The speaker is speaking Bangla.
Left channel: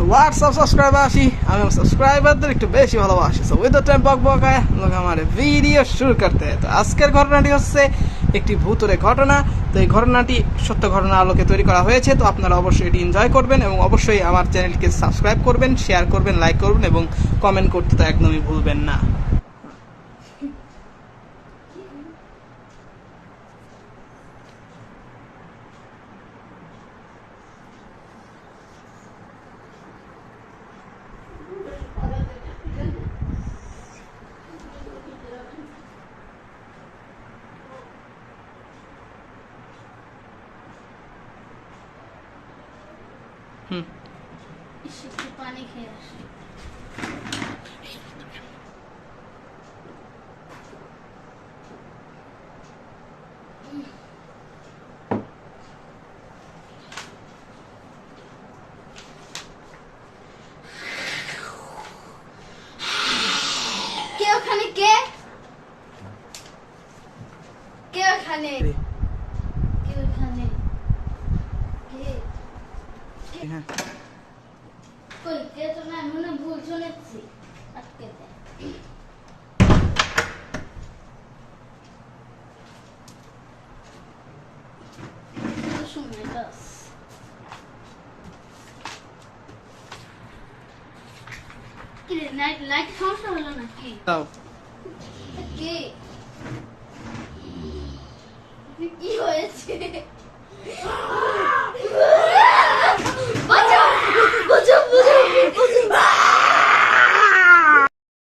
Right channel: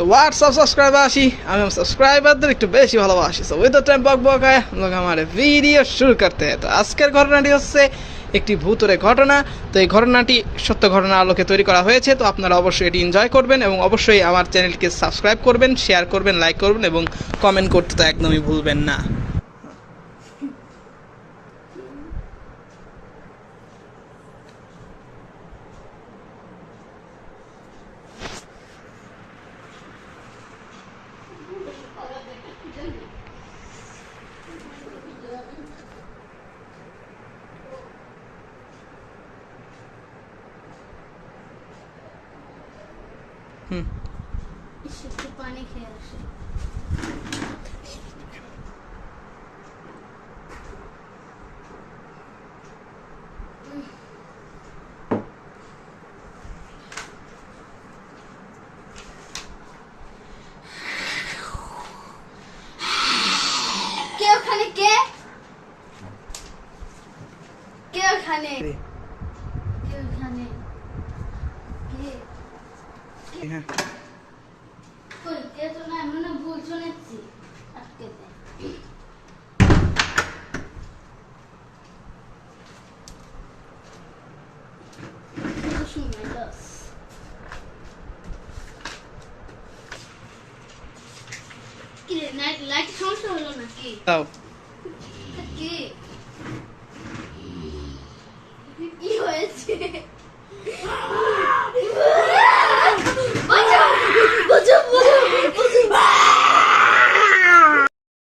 সো হোয়াটসঅ্যাপ সাবস্ক্রাইবার আসি আমি সাবস্ক্রাইবারদের একটু বেশি ভালোবাসি। সো উইথ দ্য টাইম বক বকায় লোক আমার ভিডিও শুরু করতে। তো আজকের ঘটনাটি হচ্ছে একটি ভূতুরে ঘটনা। তো এই ঘটনাটি সত্য ঘটনার আলোকে তৈরি করা হয়েছে। তো আপনারা অবশ্যই এটি এনজয় করবেন এবং অবশ্যই আমার চ্যানেলকে সাবস্ক্রাইব করবেন, শেয়ার করবেন, লাইক করবেন এবং কমেন্ট করতে তো একদমই ভুলবেন না। একটু পানি খেয়ে আসি। কে ওখানে? কে কে ওখানে? কে ওখানে? হ্যাঁ, কই কে তো না, মনে ভুল শুনেছি। আটকে দে। কি রে, লাইট সমস্যা হলো নাকি? দাও